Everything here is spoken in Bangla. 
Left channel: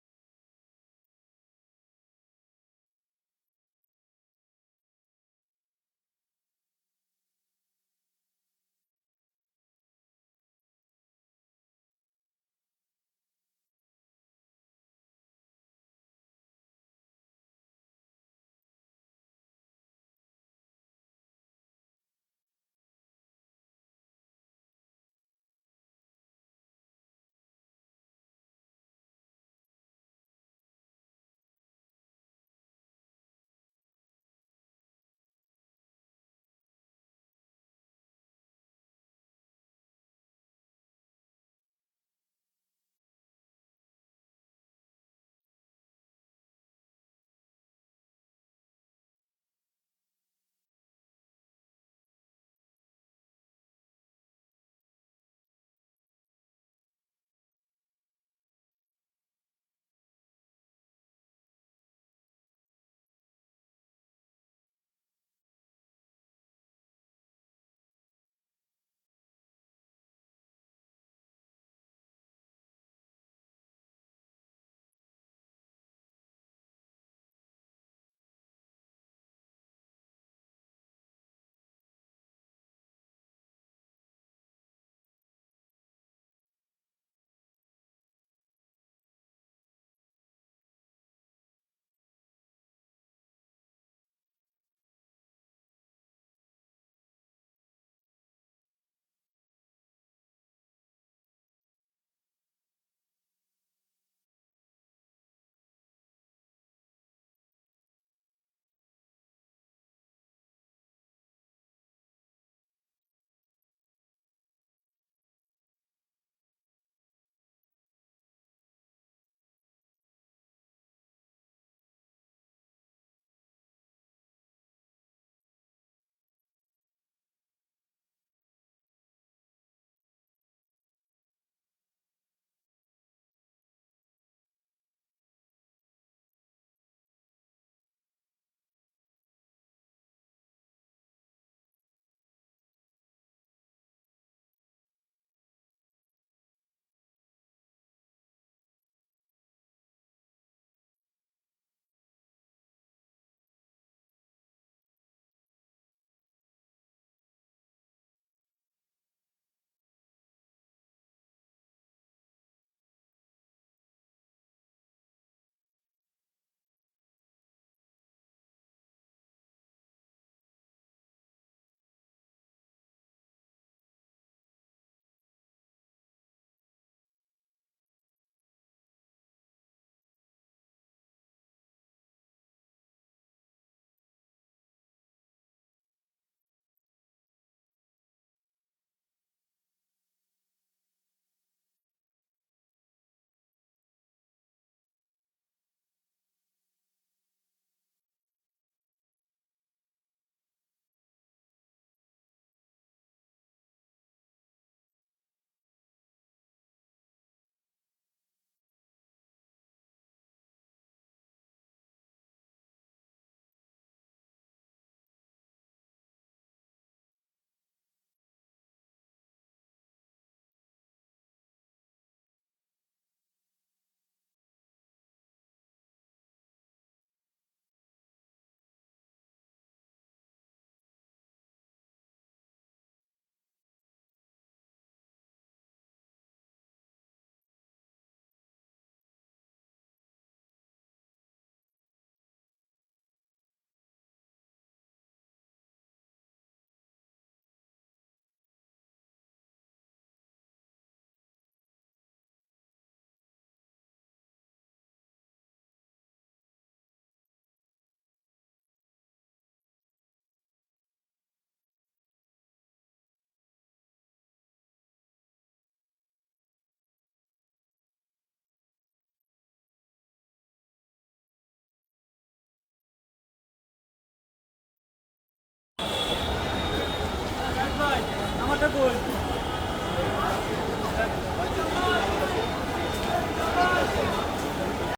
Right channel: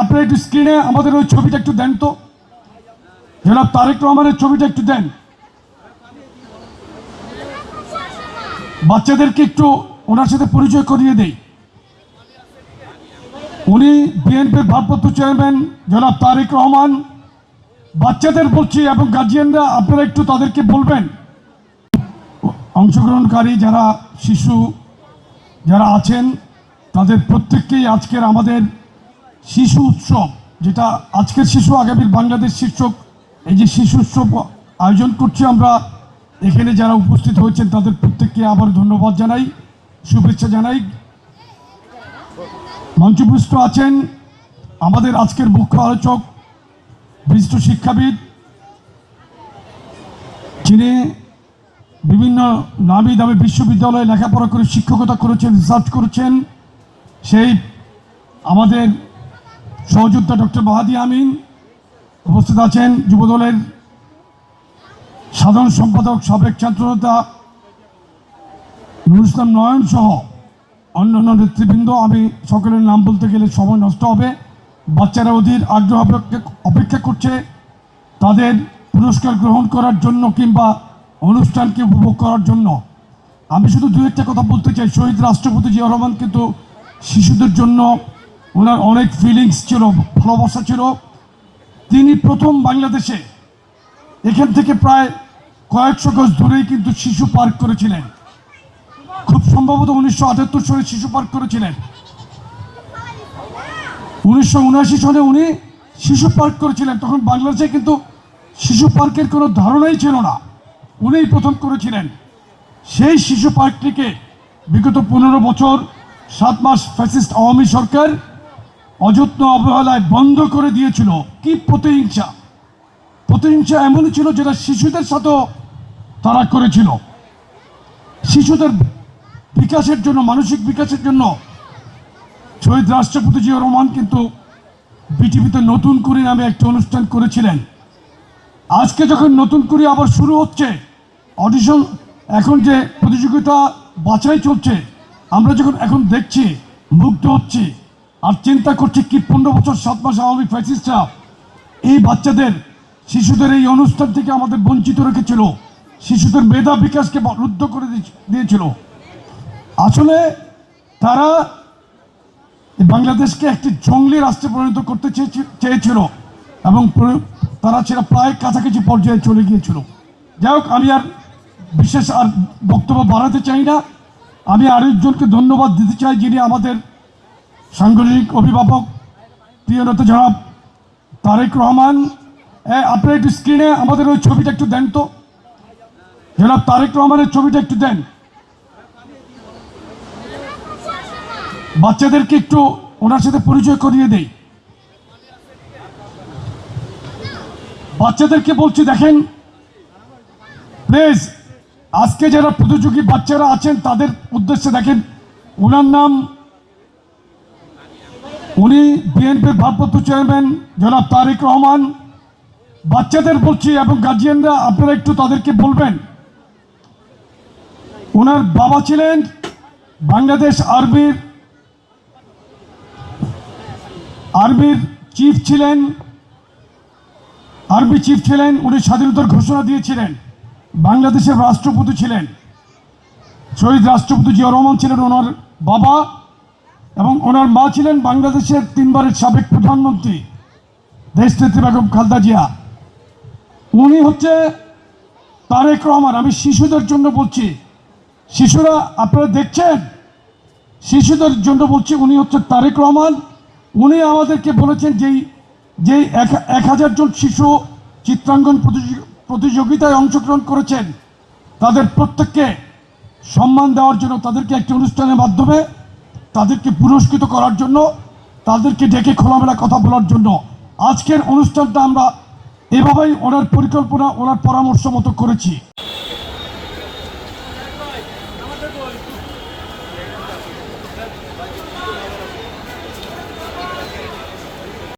আপনারা একটু স্ক্রিনে আমাদের ওই ছবিটা একটু দেন তো, জনাব তারেক রহমানের ছবিটা একটু দেন। বাচ্চাদেরকে একটু ওনার সাথে পরিচয় করিয়ে দেই। উনি বিএনপির ভারপ্রাপ্ত চেয়ারম্যান জনাব তারেক রহমান। বাচ্চাদের বলছি এবং গার্জিয়ানরা আপনারা একটু তাদেরকে বলবেন, অংশগ্রহণকারী যারা শিশু যারা আছেন তাদের প্রত্যেককেই আজকের আমাদের শিশু উৎসব, যেটা আজকের শিশু আগামীর বাংলাদেশ শীর্ষক এই যে শিশু উৎসব আয়োজন করছি আমরা, এখানে যারা উপস্থিত হয়েছেন তাদের প্রত্যেককে আবার ধন্যবাদ জানাই, শুভেচ্ছা জানাই। মঞ্চপুষ্ট আছেন আমাদের আজকের মুখ্য আলোচক, বিশিষ্ট শিক্ষাবিদ, যিনি বিভিন্ন নামি দামি বিশ্ববিদ্যালয়ে লেখাপড়া করে শিক্ষকতা করেছেন, রিসার্চ করেছেন, সেই আমাদের সহযোদ্ধা ডক্টর মাহাদি আমিন। উপস্থিত আছেন যুবদলের সাধারণ সম্পাদক সাবেক ছাত্রনেতা নুরুল ইসলাম নয়ন সহ অন্যান্য নেতৃবৃন্দ। আমি সকলের নাম বলতে গেলে সময় নষ্ট হবে। বাচ্চারা অধীর আগ্রহ অপেক্ষা করছে তাদের পুরস্কার গ্রহণ করার জন্য কিংবা অনুষ্ঠানকে উপভোগ করার জন্য। আমি শুধু দু একটা কথা বলতে চাই। শহীদ রাষ্ট্রপতি জিয়া রহমান কিন্তু শিশুদের জন্য ওনার অনেক ফিলিংস ছিল, ভালোবাসা ছিল। তিনি প্রথম বাংলাদেশে এখান থেকে প্রায় কয়েকশো গজ দূরেই কিন্তু শিশু পার্ক করেছিলেন। খুব সম্ভবত 1978 সালে শিশু পার্ক করেছিলেন। 1979 সনে উনি শিশু পার্ক করেছিলেন। তখন বাংলাদেশে কিন্তু শিশু পার্কের কোনো ধারণাই ছিল না, উনিই প্রথম করেছিলেন। সেই শিশু পার্কটিকে বিগত 15 বছর 7 মাস ফ্যাসিস্ট আওয়ামী সরকার অযত্ন অবহেলায় বন্ধ করে দিয়েছিল। কি প্রতিহিংসা! প্রতিহিংসা এমনই ছিল যেটা শিশুদের সাথেও তারা করেছিল। শিশুদের বিকাশের জন্য, মানসিক বিকাশের জন্য শহীদ রাষ্ট্রপতি জিয়া রহমান কিন্তু বিটিভিতে নতুন করে নামে একটা অনুষ্ঠান করেছিলেন। আজকে যখন নতুন করে আবার শুরু হচ্ছে অডিশন, এখন যে প্রতিযোগিতা বাছাই চলছে, আমরা যখন এখন দেখছি মুগ্ধ হচ্ছি আর চিন্তা করছি কি 15 বছর 7 মাস আওয়ামী ফ্যাসিস্টরা এই বাচ্চাদের, শিশুদের এই অনুষ্ঠান থেকে আমাদের বঞ্চিত রেখেছিল, শিশুদের মেধা বিকাশকে রুদ্ধ করে দিয়েছিল। আসলে তারা বাংলাদেশকে একটি জঙ্গলি রাষ্ট্রে পরিণত করতে চেয়েছিল এবং তারা সেটা প্রায় কাছাকাছি পর্যায়ে চলে গিয়েছিল। যাই হোক, আমি আর বিশেষ আর বক্তব্য বাড়াতে চাই না। আমি আরেকজনকে ধন্যবাদ দিতে চাই, যিনি আমাদের সাংগঠনিক অভিভাবক, প্রিয় নেতা জনাব তারেক রহমান। আপনারা একটু স্ক্রিনে আমাদের ওই ছবিটা একটু দেন তো, জনাব তারেক রহমানের ছবিটা একটু দেন। বাচ্চাদেরকে একটু ওনার সাথে পরিচয় করিয়ে দেই। বাচ্চাদেরকে বলছি, দেখেন প্লিজ, আজকে যারা প্রতিযোগী বাচ্চারা আছেন তাদের উদ্দেশ্যে দেখেন, ওনার নাম, উনি বিএনপির ভারপ্রাপ্ত চেয়ারম্যান জনাব তারেক রহমান। বাচ্চাদের বলছি এবং গার্জিয়ানরা আপনারা একটু তাদেরকে বলবেন, ওনার বাবা ছিলেন বাংলাদেশ আর্মির চিফ ছিলেন, আর্মি চিফ ছিলেন। উনি স্বাধীনতার ঘোষণা দিয়েছিলেন। বাংলাদেশের রাষ্ট্রপতি ছিলেন। শহীদ রাষ্ট্রপতি জিয়া রহমান ছিলেন ওনার বাবা, এবং ওনার মা ছিলেন বাংলাদেশের 3 বারের সাবেক প্রধানমন্ত্রী দেশনেত্রী বেগম খালেদা জিয়া। উনি হচ্ছে তারেক রহমান। আমি শিশুদের জন্য বলছি, শিশুরা আপনারা দেখছেন, শিশুদের জন্য বলছি, উনি হচ্ছে তারেক রহমান। উনি আমাদেরকে বলেছেন যেই 1000 জন শিশু চিত্রাঙ্কন প্রতিযোগিতায় অংশগ্রহণ করেছেন তাদের প্রত্যেককে সম্মান দেওয়ার জন্য, তাদেরকে একটি অনুষ্ঠানের মাধ্যমে তাদেরকে পুরস্কৃত করার জন্য, তাদেরকে ডেকে খোলামেলা কথা বলার জন্য আজকের অনুষ্ঠানটা আমরা এভাবেই ওনার পরিকল্পনা, ওনার পরামর্শ মতো করেছি।